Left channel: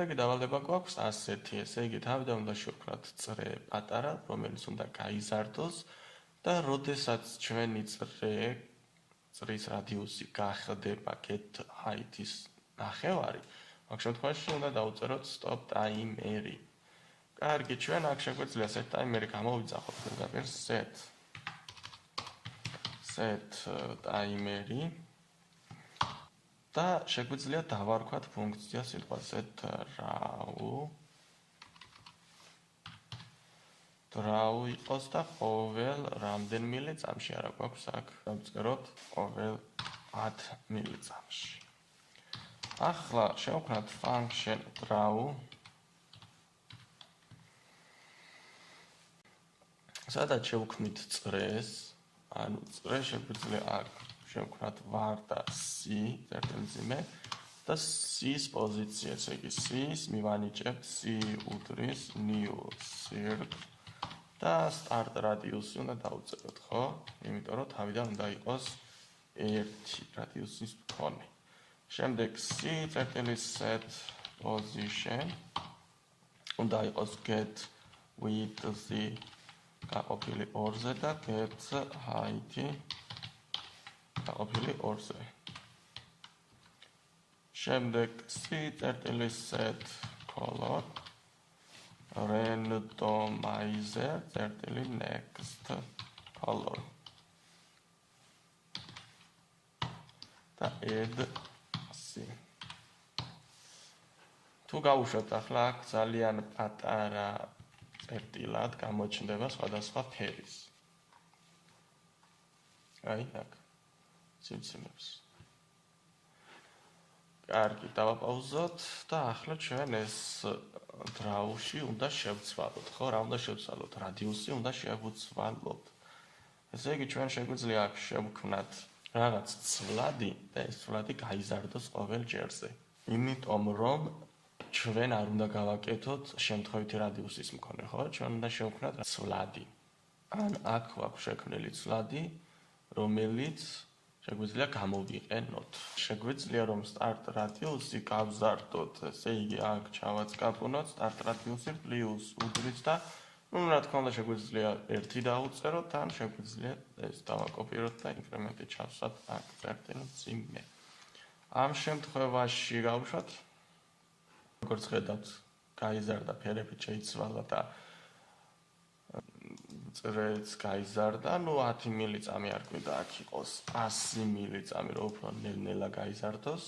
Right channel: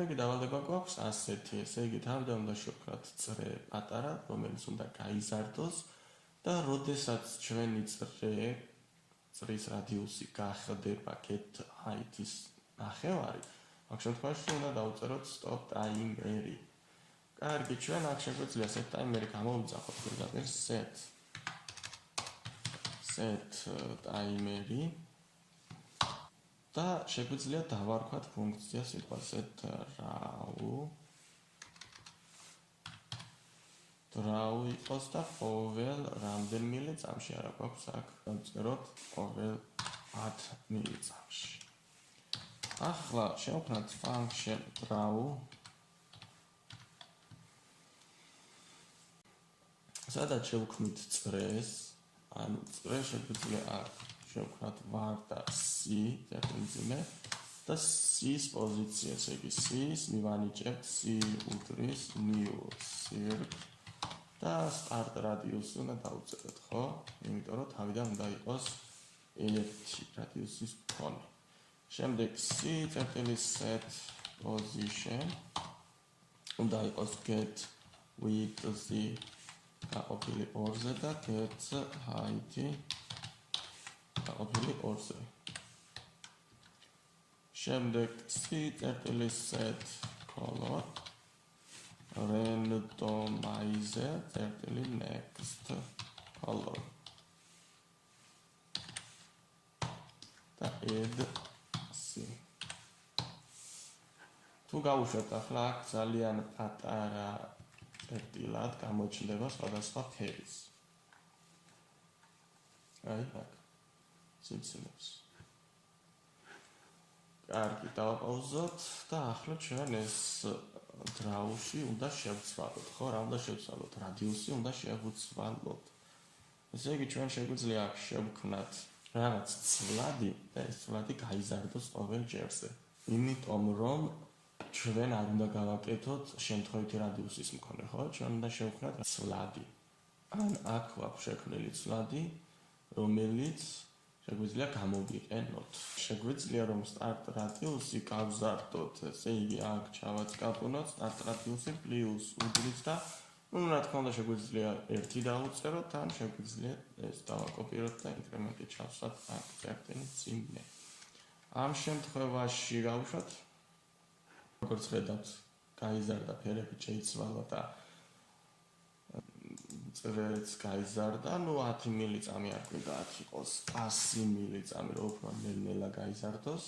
შემდეგი დავალება გვაქვს ასეთი, ესე იგი თავიდან უნდა შევქმნათ წრე პატარა, რომელიც უნდა გაიზარდოს და როდესაც ჩვენი წრის რადიუსი გახდება get height-ის ნახევარი, აქ შემთხვევაში უნდა დავუწეროთ stop timer-ი. კარგი, ჩვენ აქ შეგვიძლია set timer-ი გამოვიძახოთ, როგორ set timer-ი და შეგვიძლია დავარქვათ ფუნქცია სიტყვა set draw იყოს და ყოველ რამდენიმე წამში არა გვაქვს აქ დავწეროთ ყოველ 10 მილიწამში. ახლა შევქმნათ function draw. სადაც შევქმნით წრეს, ანუ წრე შეგვიძლია აქ შევქმნათ var და c წერტილზიმე და c-ის პოზიცია, ესე იგი c-ის მივანიჭებთ c უდრის new circ და start radius უნდა დავუწეროთ, ხო? იმიტომ რომ თავიდან უნდა იყოს 1 radius-ის მქონე. შემდეგ c წერტილის set position უნდა იყოს get width-ი გაყოფილი 2-ზე და get height-ი გაყოფილი 2-ზე. შემდეგ c წერტილის set color randomizer წერტილი next color და add c. თუ გავუშვათ ახლა აქ ძალიან პატარა წერტილად გამოჩნდება სხვადასხვა ფერის. აი აქ სიმციმებს. კარგი, დავაპაუზოთ და ახლა ჩვენ ეს draw-ში უნდა შევცვალოთ, ხო? რა უნდა შევცვალოთ? რადიუსი უნდა შევცვალოთ. ესე იგი ჩვენ შეგვიძლია აქ შევქმნათ რაღაც ცვლადი და ეს ცვლადი გაიზარდოს ყოველ ჯერზე. იმიტომ რომ ჩვენ არ უნდა გავაკეთოთ შემთხვევითი რადიუსის მქონე, ხო? ჩვენ უნდა შევქმნათ ცვლადი. ან აქ გვაქვს შექმნილი ცვლადი, რომელიც შეგვიძლია გამოვიყენოთ. შეგვიძლია რომ start radius-ი გავზარდოთ, ესე იგი აქ ჩავაწყაპუნოთ start radius-ი plus უდრის და რა თქმა უნდა შეგვიძლია 1 დავუწეროთ, ან შეგვიძლია ეს დავაკოპიროთ და ინკრემენტი ჩავსვათ აქ წერტილის წინე. ამ შემთხვევაში გავუშვათ როგორც ხედავთ, გაიზარდა ფერები შეიცვალა და წრეც გაიზარდა, ну 10 მილიწამი არ გვინდა აქ იყოს 100 მილიწამი, რომ უფრო ნელ-ნელა გაიზარდოს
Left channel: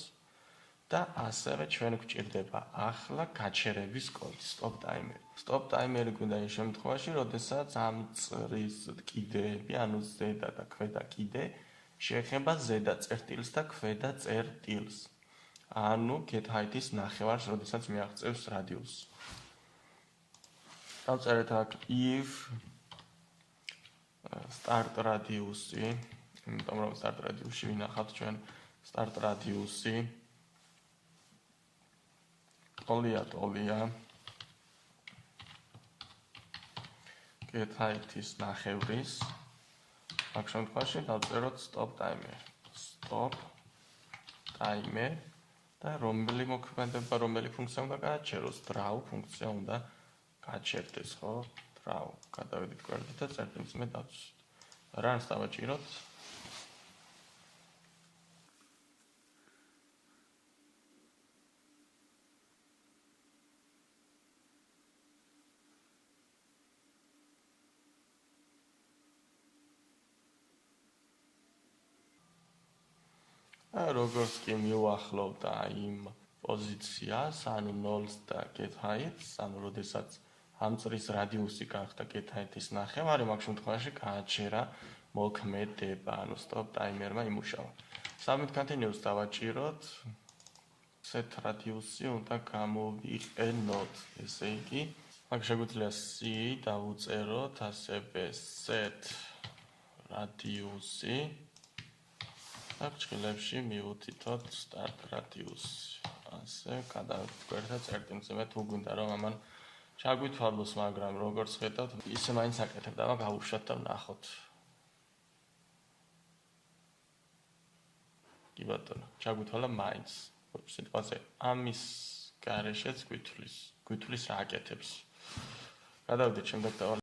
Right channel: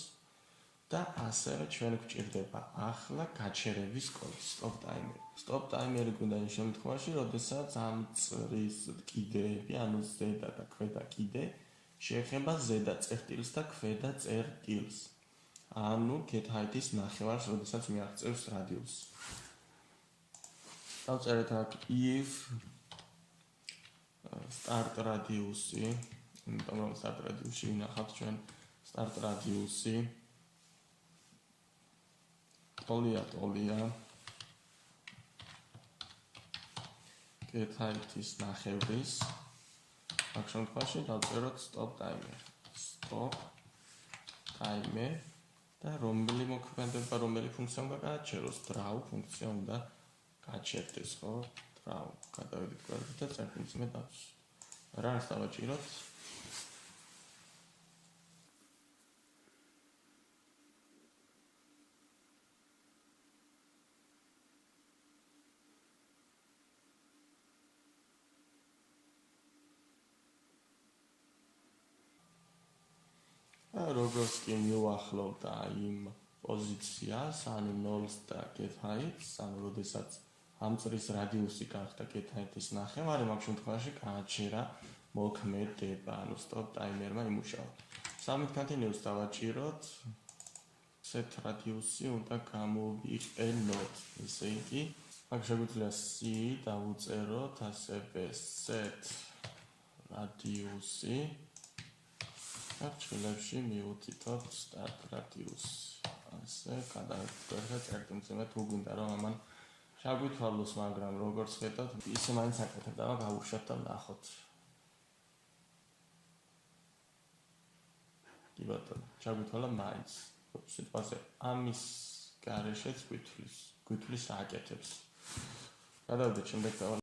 და ასევე ჩვენ გვჭირდება ახლა გაჩერების კოდი stop timer. Stop timer-ი გვინდა იმ შემთხვევაში, როდესაც ამ წრის კიდეები, ანუ ზედა და ქვედა კიდე შეეხება ზედა წერტილს და ქვედა წერტილს. ანუ get height-ის ნახევარს, როდესაც მიაღწევს რადიუსს. დავწერეთ აქ if start radius-ი, იმიტომ რომ start radius-ში ვინახავთ ჩვენ start radius-ი ტოლია get height-ის ნახევრის აქ შემთხვევაში დავწეროთ stop timer და რომელი მოქმედება, რომელი ფუნქცია უნდა გააჩეროს, draw ფუნქცია უნდა გააჩერდეს, ხო? draw გადავიდეთ გვერდით და წერტილს მე დავსვით. რას დავაჭიროთ? როგორც კი მივახლოვდა იმ პოზიციას, ანუ 0-ს და get height-ს, ანუ როდესაც ამ წრის რადიუსი გახდა get height-ის ნახევარი, მაგ შემთხვევაში გააჩერა მოქმედება, ანუ stop timer-მა იმუშავა. Submit continuous დავაჭიროთ. set radius-ი უნდა გამოვიყენოთ, ესე იგი, მაგ შეგვიძლია c დავუწეროთ, ასევე set radius-ი ჭრილებში მივუთითოთ start radius. ასე გადავწერთ წერტილზე მე თუ გვინდა რომ ამან ჩაგვითვალოს, მაგრამ როგორც ხედავთ, ისე მაინც აკეთებ და გავუშვათ და ნახოთ. კი ბატონო, ჩაგვითვალა მაინც. სიტყვაზე ამის გარეშეც გვითვლის რა აკეთებს. გადავიდეთ შემდეგ